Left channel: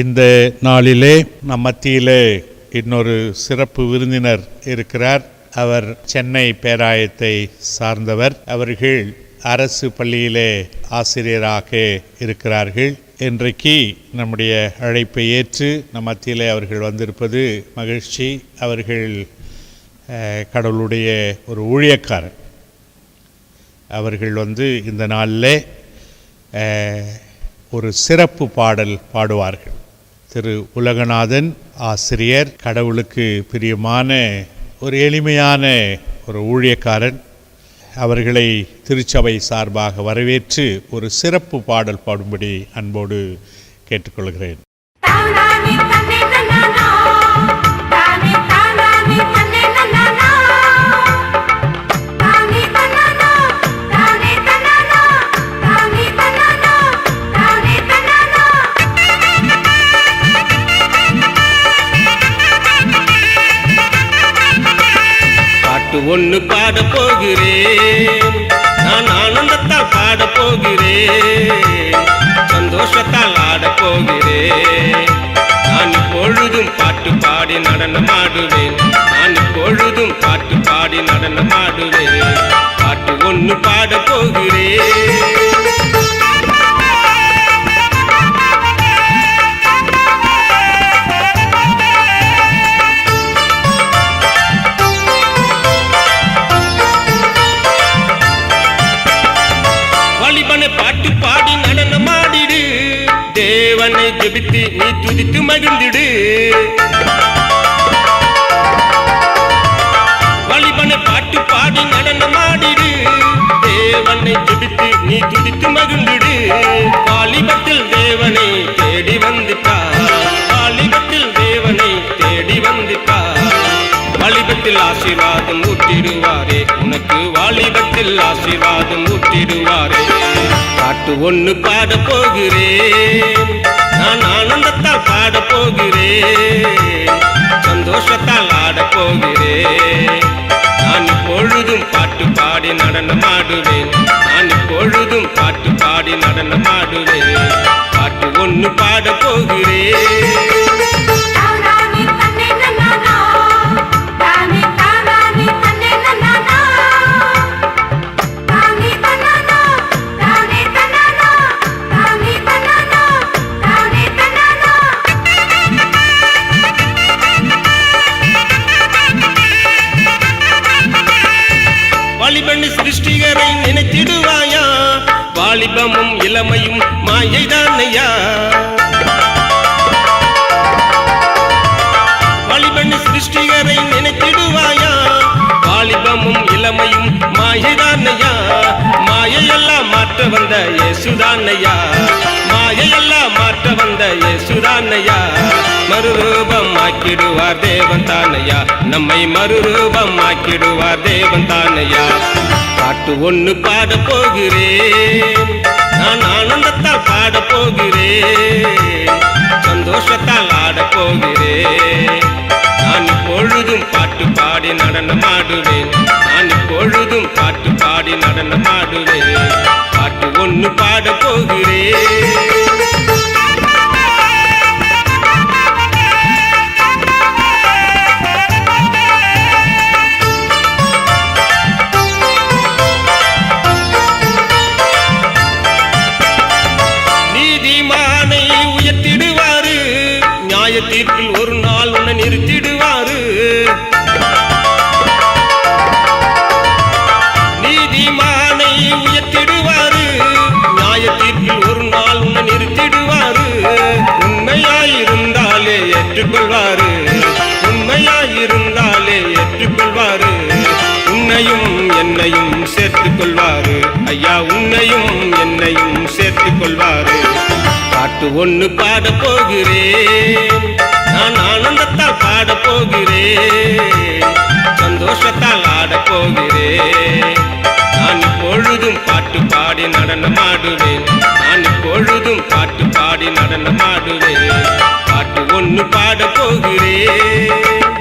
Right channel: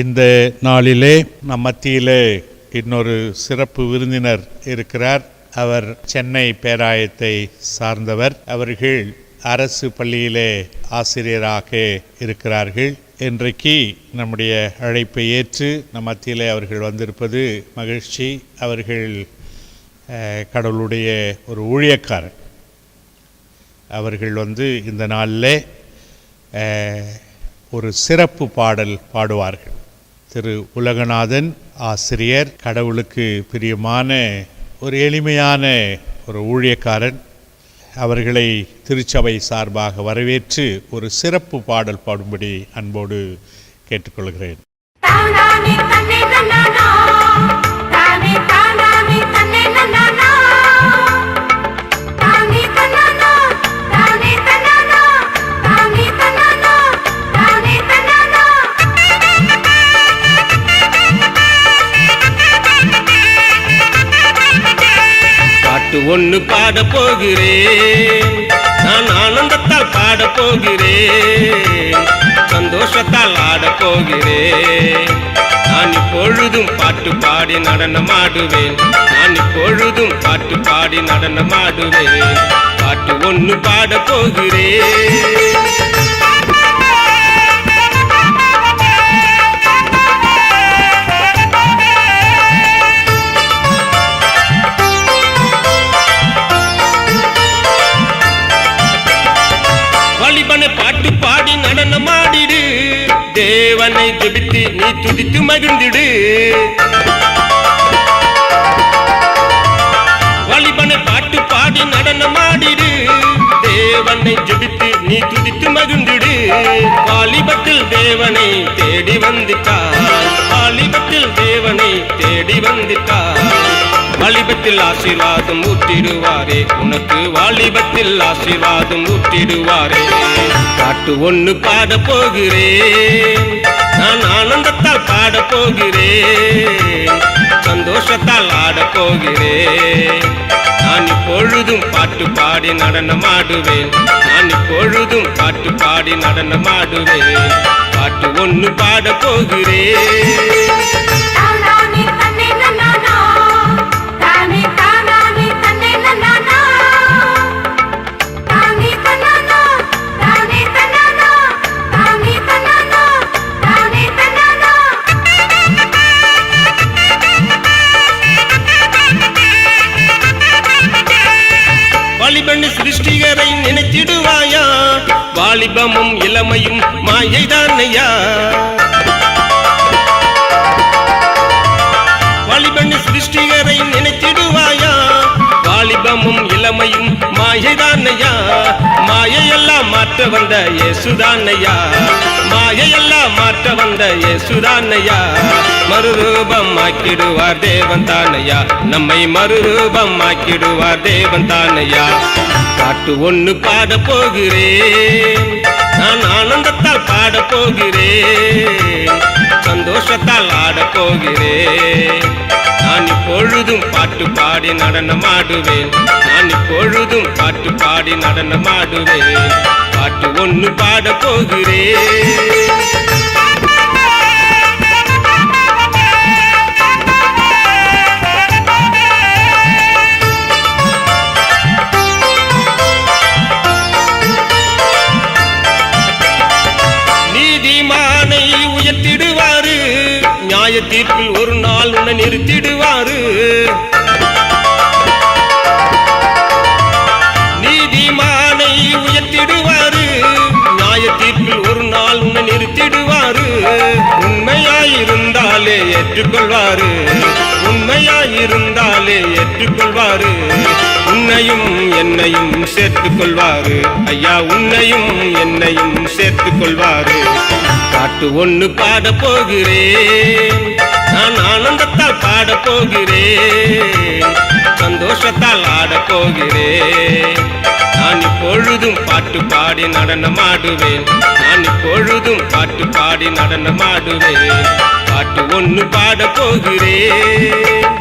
இந்த நாளிலே நம் மத்தியிலே இன்னொரு சிறப்பு விருந்தினர் இருக்கிறார். அவர் சென்னை பேராயத்தை சார்ந்தவர். அவர்கள் அரசு பள்ளியிலே ஆசிரியராக இருக்கிறார்கள். இன்றைக்கு நம்முடைய அழைப்பை ஏற்று நம் மத்தியிலே அவர்கள் வந்திருப்பது மகிழ்ச்சி. அவர்கள் கடவுளுடைய ஒரு ஊழியக்காரர். அவர்கள் இந்த நாளிலே ஒரு சிறப்பு பாடல் பாடுவார்கள். திரு உலகநாதன் ஆசிரியர், கடவுளுக்கு பிரியமான ஒரு எளிமையான ஒரு ஊழியக்காரன். அவர்களை திருச்சபை சார்பாக வரவேற்று ஒரு சிறப்பு பாடல் பாடும்படி அன்போடு கேட்டுக்கொள்கிறேன். ஒன்னு பாட போகிறேன், நான் ஆனந்தத்தால் பாட போகிறேன், சந்தோஷத்தால் ஆட போகிறேன். நான் இப்பொழுதும் பாட்டு பாடி நடனமாடுவேன், நான் இப்பொழுதும் பாட்டு பாடி நடனமாடுவேன். பாட்டு ஒன்னு பாட போகிறேன். பாட்டு பாடி நடனமாடிடு, தேவனை ஜெபித்து நீ துதித்து மகிழ்ந்திடு. வாலிபனை பாட்டு பாடி நடனமாடிடு, தேவனை ஜெபித்து நீ துதித்து மகிழ்ந்திடு. வாலிபத்தில் தேவனை தேடி வந்துட்டார், வாலிபத்தில் தேவனை தேடி வந்துட்டார். வாலிபத்தில் ஆசீர்வாதம் ஊற்றிடுவாரே, உனக்கு வாலிபத்தில் ஆசீர்வாதம் ஊற்றிடுவாரே. பாட்டு ஒன்னு பாட போகிறேன், நான் ஆனந்தத்தால் பாட போகிறேன், சந்தோஷத்தால் ஆட போகிறேன். நான் இப்பொழுதும் பாட்டு பாடி நடனமாடுவேன், நான் இப்பொழுதும் பாட்டு பாடி நடனமாடுவேன். பாட்டு ஒன்னு பாட போகிறேன். வாலிபன் சிருஷ்டிகரை நினைத்திடுவாயா, வாலிபமும் இளமையும் மாயைதானையா. வாலிபன் சிருஷ்டிகரை நினைத்திடுவாயா, வாலிபமும் இளமையும் மாயைதானையா. மாயையெல்லாம் மாற்ற வந்த இயேசுதானையா, மாயையெல்லாம் மாற்ற வந்த இயேசுதானையா. மறுரூபம் ஆக்கிடுவார் தேவன் தானையா, நம்மை மறுரூபம் ஆக்கிடுவார் தேவன் தானையா. பாட்டு ஒன்னு பாட போகிறேன், நான் ஆனந்தத்தால் பாட போகிறேன், சந்தோஷத்தால் ஆட போகிறேன். நான் இப்பொழுதும் பாட்டு பாடி நடனமாடுவேன், நான் இப்பொழுதும் பாட்டு பாடி நடனமாடுவேன். பாட்டு ஒன்னு பாட போகிறேன். நீதிமானை உயர்த்திடுவாரு, நியாய தீர்ப்பில் ஒரு நாள் உன்னை நிறுத்திடுவாரு. நீதிமானை உயர்த்திடுவாரு, நியாய தீர்ப்பில் ஒரு நாள் உன்னை நிறுத்திடுவாரு. உண்மையாயிருந்தாலே ஏற்றுக்கொள்வாரு, உண்மையாயிருந்தாலே ஏற்றுக்கொள்வாரு. உன்னையும் என்னையும் சேர்த்துக் கொள்வாரு ஐயா, உன்னையும் என்னையும் சேர்த்துக் கொள்வாரு. பாட்டு ஒன்னு பாட போகிறேன், நான் ஆனந்தத்தால் பாட போகிறேன், சந்தோஷத்தால் ஆட போகிறேன். நான் இப்பொழுதும் பாட்டு பாடி நடனமாடுவேன், நான் இப்பொழுதும் பாட்டு பாடி நடனமாடுவேன். பாட்டு ஒன்னு பாட போகிறேன்.